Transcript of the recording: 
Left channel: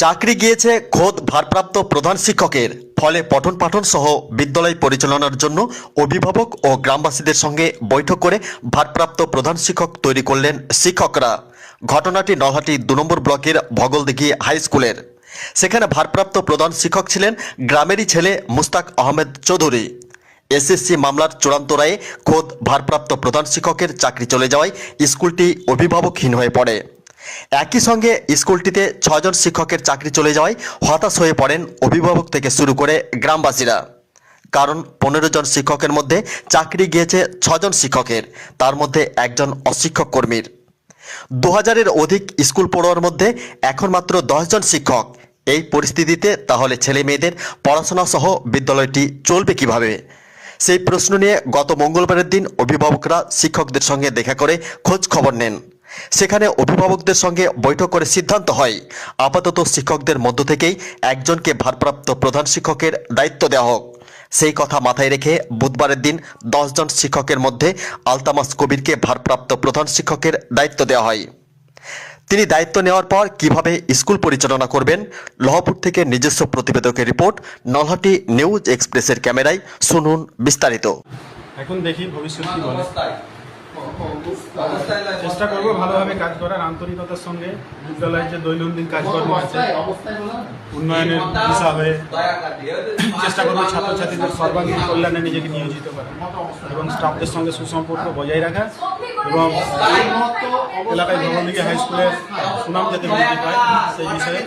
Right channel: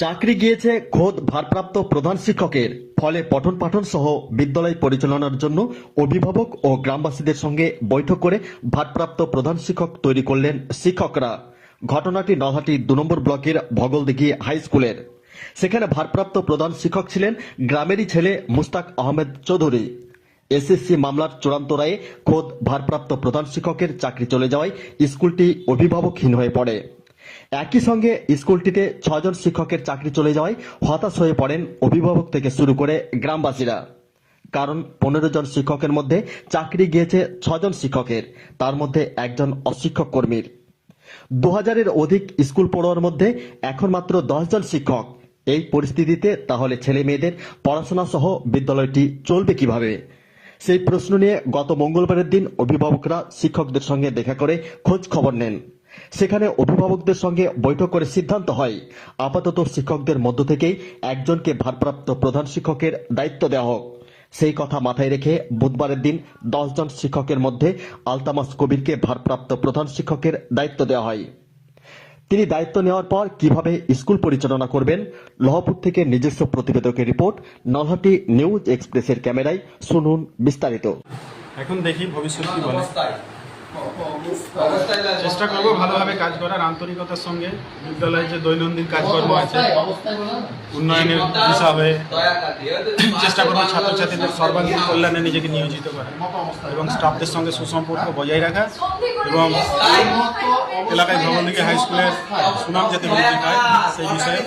চাকরি গিয়েছে খোদ ভারপ্রাপ্ত প্রধান শিক্ষকের। ফলে পঠন পাঠন সহ বিদ্যালয় পরিচালনার জন্য অভিভাবক ও গ্রামবাসীদের সঙ্গে বৈঠক করে ভারপ্রাপ্ত প্রধান শিক্ষক তৈরি করলেন শিক্ষকরা। ঘটনাটি নলহাটি দু নম্বর ব্লকের ভগলদিঘি হাই স্কুলের। সেখানে ভারপ্রাপ্ত প্রধান শিক্ষক ছিলেন গ্রামেরই ছেলে মুস্তাক আহমেদ চৌধুরী। এসএসসি মামলার চূড়ান্ত রায়ে খোদ ভারপ্রাপ্ত প্রধান শিক্ষকের চাকরি চলে যাওয়ায় স্কুলটি অভিভাবকহীন হয়ে পড়ে। একই সঙ্গে স্কুলটিতে ছজন শিক্ষকের চাকরি চলে যাওয়ায় হতাশ হয়ে পড়েন অভিভাবক থেকে শুরু করে গ্রামবাসীরা। কারণ পনেরো জন শিক্ষকের মধ্যে চাকরি গিয়েছে ছজন শিক্ষকের, তার মধ্যে একজন অশিক্ষক কর্মীর। দু হাজারের অধিক স্কুল পড়ুয়ার মধ্যে এখন মাত্র দশজন শিক্ষক। এই পরিস্থিতিতে তাহলে ছেলে মেয়েদের পড়াশোনা সহ বিদ্যালয়টি চলবে কীভাবে? সেই প্রশ্ন নিয়ে গত মঙ্গলবারের দিন অভিভাবকরা শিক্ষকদের সঙ্গে দেখা করে খোঁজ খবর নেন। সেখানে অভিভাবকদের সঙ্গে বৈঠক করে সিদ্ধান্ত হয়। আপাতত শিক্ষকদের মধ্য থেকেই একজনকে ভারপ্রাপ্ত প্রধান শিক্ষকের দায়িত্ব দেওয়া হোক। সেই কথা মাথায় রেখে বুধবারের দিন দশজন শিক্ষকের মধ্যে আলতামাস কবিরকে ভারপ্রাপ্ত প্রধান শিক্ষকের দায়িত্ব দেওয়া হয়। তিনি দায়িত্ব নেওয়ার পর কীভাবে স্কুল পরিচালনা করবেন লহপুর থেকে নিজস্ব প্রতিবেদকের রিপোর্ট নলহাটি নিউজ এক্সপ্রেসের ক্যামেরায় শুনুন বিস্তারিত। এখন দেখি ভবিষ্যৎ কি বলে। চেষ্টা করব ভালোভাবে কাজ করার আন্তরিকতার সঙ্গে। বিদ্যালয়ের যে দৈনন্দিন কাজকর্ম আছে, উন্নয়নের হয়ে চেষ্টা করব ছাত্রছাত্রীদের সর্বাঙ্গীন কল্যাণে নিজেকে নিয়োজিত করা এবং স্টাফদের সঙ্গে সুসম্পর্ক বজায় রাখা এবং এলাকায় ভ্রমণদিকে হাই স্কুলের সুনাম যাতে বৃদ্ধি পায়, সেই বিষয়ে